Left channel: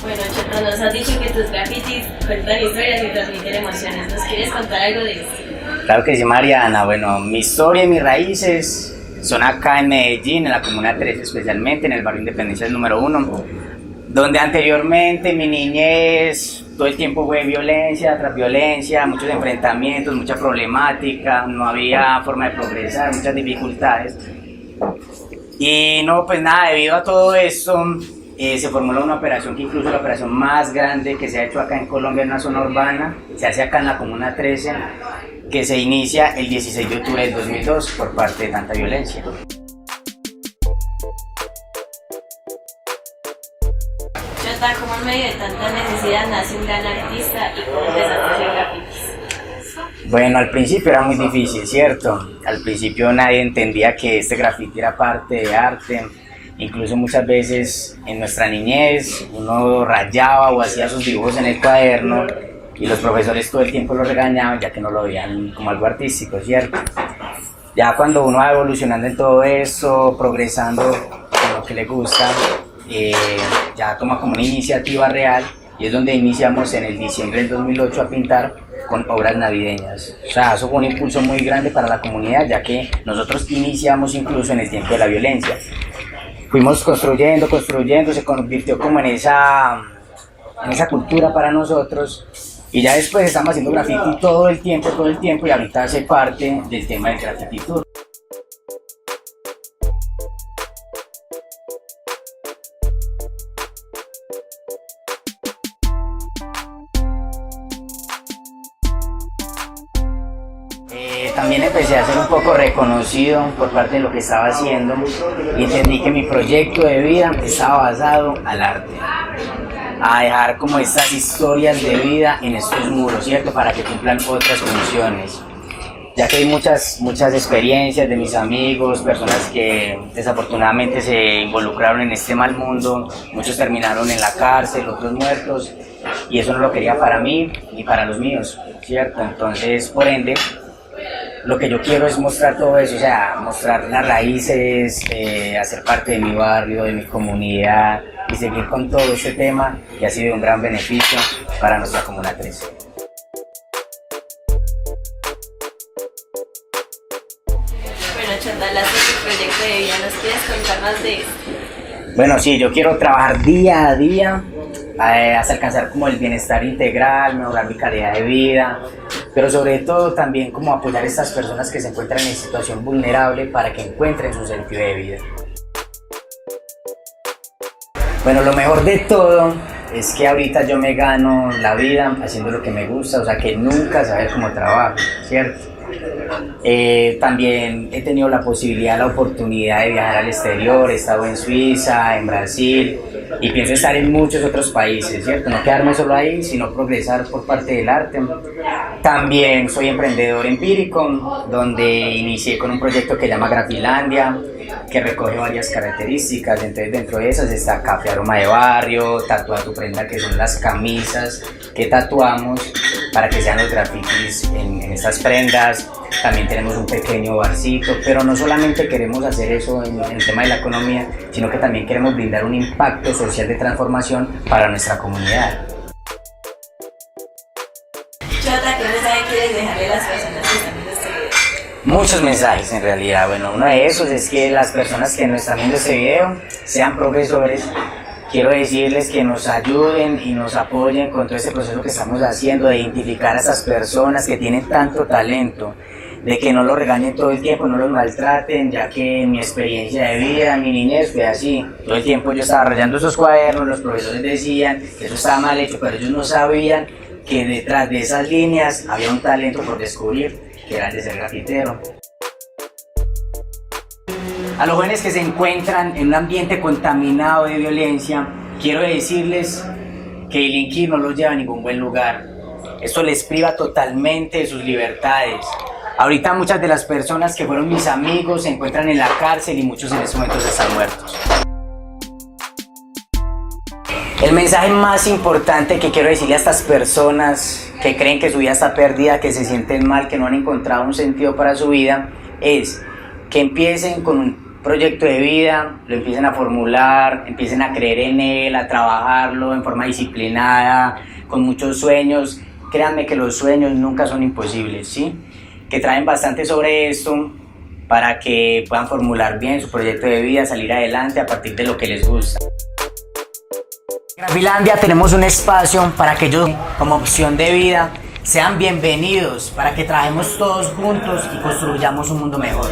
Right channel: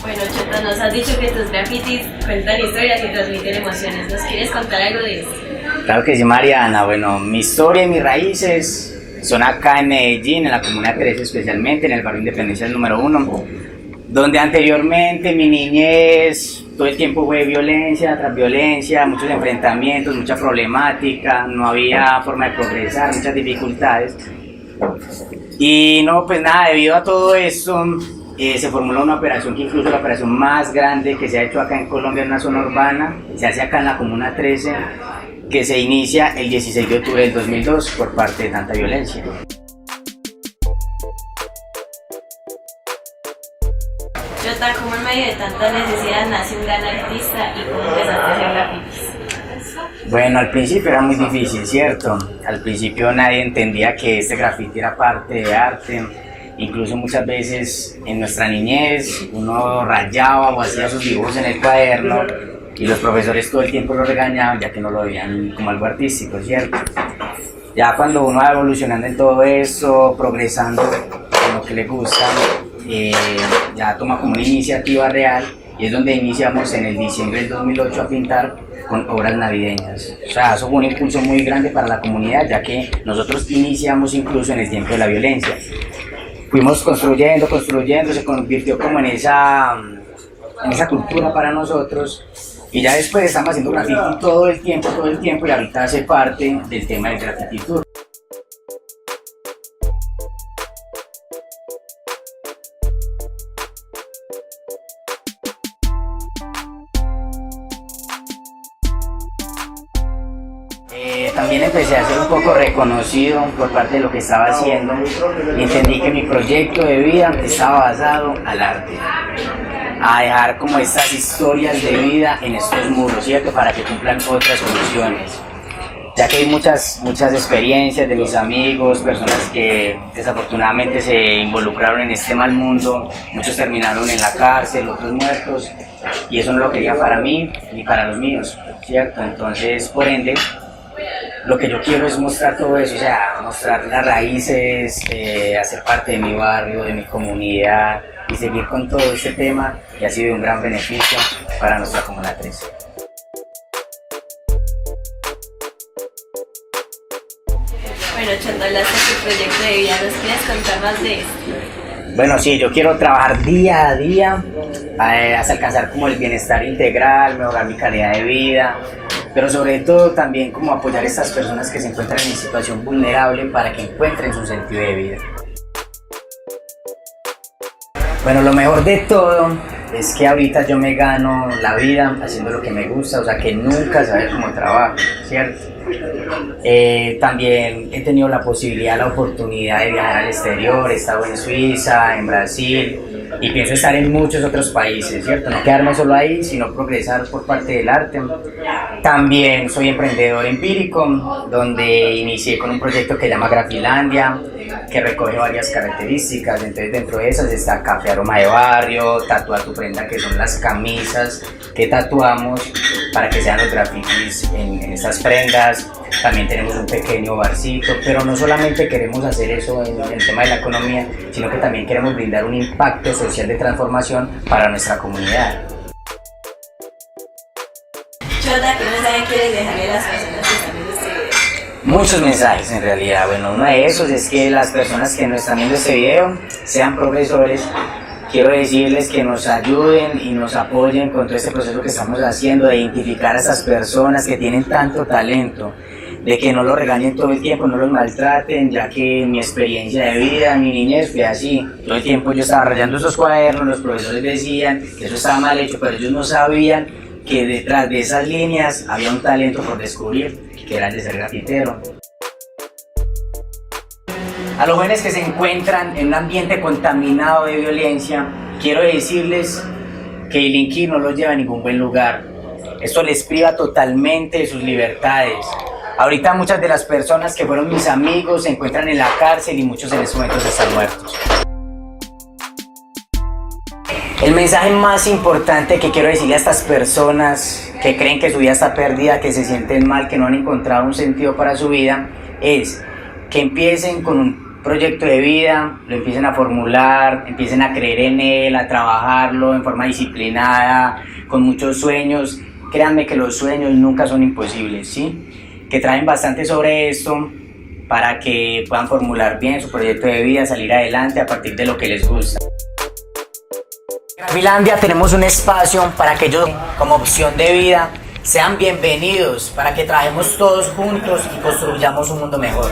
Bueno, Chota, nos has dicho que tus grafitis cuentan historias y transmiten emociones. ¿Nos quieres contar algo de eso? Claro que sí, Mariana. Bueno, mi historia y mis raíces son acá en Medellín, en la Comuna 13 especialmente, en el barrio Independencia número 1, donde anteriormente mi niñez todo el tiempo fue violencia tras violencia, muchos enfrentamientos, mucha problemática, no había forma de progresar, muchas dificultades. Y no, pues nada, debido a todo esto, se formuló una operación que incluso la operación más grande que se ha hecho acá en Colombia en una zona urbana, se hace acá en la Comuna 13, que se inicia el 16 de octubre del 2002 por parte de tanta violencia. Chota, ¿cómo en medio de tanta necesidad nace un gran artista y cómo empezaste a hacer grafitis? Bueno, al principio era muy difícil, ¿cierto? Al principio nadie entendía que este grafiti era parte de arte. Incluso muchas veces en nuestra niñez uno rayaba o hacía sus dibujos en el cuaderno y los profesores todo el tiempo lo regañaban ya que no lo veían como algo artístico, ¿cierto? Ya cuando uno va evolucionando en todo eso, progresando en lo que le gusta, ya toma como una iniciativa real y es donde iniciamos en el diciembre del 2008 a pintar con obras navideñas. O sea, eso fue un impulso muy grande para la comunidad, ya que nosotros iniciamos incluso en el tiempo de la violencia. Fuimos construyendo, se convirtió como en esa cultura para nosotros y ya después estamos haciendo graffiti todo el tiempo y ahorita hace parte del tema del graffiti tour. También empecé a ser un poco reconocido por parte de lo que estaba haciendo y entendí que mi proyecto de vida estaba basado al arte, a dejar como estas historias de vida en estos muros, ¿cierto? Para que cumplan otras funciones. Ya que hay muchas experiencias de mis amigos, personas que desafortunadamente se involucraron en este mal mundo, muchos terminaron en la cárcel, otros muertos, y eso no lo quería para mí ni para los míos, ¿cierto? Entonces, por ende, lo que yo quiero es mostrar todo eso, o sea, mostrar las raíces, hacer parte de mi barrio, de mi comunidad y seguir con todo este tema que ha sido un gran beneficio para nuestra comunidad. Bueno, Chota, hablaste de tu proyecto de vida. ¿Nos quieres contar más de eso? Bueno, sí, yo quiero trabajar día a día hasta alcanzar como el bienestar integral, mejorar mi calidad de vida, pero sobre todo también como apoyar a estas personas que se encuentran en situación vulnerable para que encuentren su sentido de vida. Bueno, lo mejor de todo es que ahorita yo me gano la vida haciendo lo que me gusta, o sea que nunca sabía cómo trabajo, ¿cierto? También he tenido la posibilidad, la oportunidad de viajar al exterior, he estado en Suiza, en Brasil y pienso estar en muchos otros países, ¿cierto? No quedarme solo ahí, sino progresar por parte del arte. También soy emprendedor empírico, donde inicié con un proyecto que se llama Grafilandia, que recoge varias características. Entonces, dentro de esas está Café Aroma de Barrio, Tatúa tu Prenda, que son las camisas que tatuamos para que sean los grafitis en estas prendas. También tenemos un pequeño barcito, pero no solamente queremos hacer eso en el tema de la economía, sino que también queremos brindar un impacto social de transformación para nuestra comunidad. Chota, ¿qué mensaje quieres dejarle a las personas que están viendo este video? Muchos mensajes en realidad. Bueno, uno de esos es que las personas que nos están viendo este video sean profesores. Quiero decirles que nos ayuden y nos apoyen con todo este proceso que estamos haciendo de identificar a esas personas que tienen tanto talento, de que no los regañen todo el tiempo, no los maltraten, ya que mi experiencia de vida, mi niñez fue así. Todo el tiempo yo estaba rayando esos cuadernos, los profesores decían que eso estaba mal hecho, pero ellos no sabían que detrás de esas líneas había un talento por descubrir, que era el de ser grafitero. A los jóvenes que se encuentran en un ambiente contaminado de violencia, quiero decirles que delinquir no los lleva a ningún buen lugar. Esto les priva totalmente de sus libertades. Ahorita muchas de las personas que fueron mis amigos se encuentran en la cárcel y muchos en estos momentos están muertos. El mensaje más importante que quiero decirle a estas personas que creen que su vida está perdida, que se sienten mal, que no han encontrado un sentido para su vida, es que empiecen con un proyecto de vida, lo empiecen a formular, empiecen a creer en él, a trabajarlo en forma disciplinada, con muchos sueños. Créanme que los sueños nunca son imposibles, ¿sí? Que traen bastante sobre esto para que puedan formular bien su proyecto de vida, salir adelante a partir de lo que les gusta. En Grafilandia tenemos un espacio para que ellos, como opción de vida, sean bienvenidos, para que trabajemos todos juntos y construyamos un mundo mejor.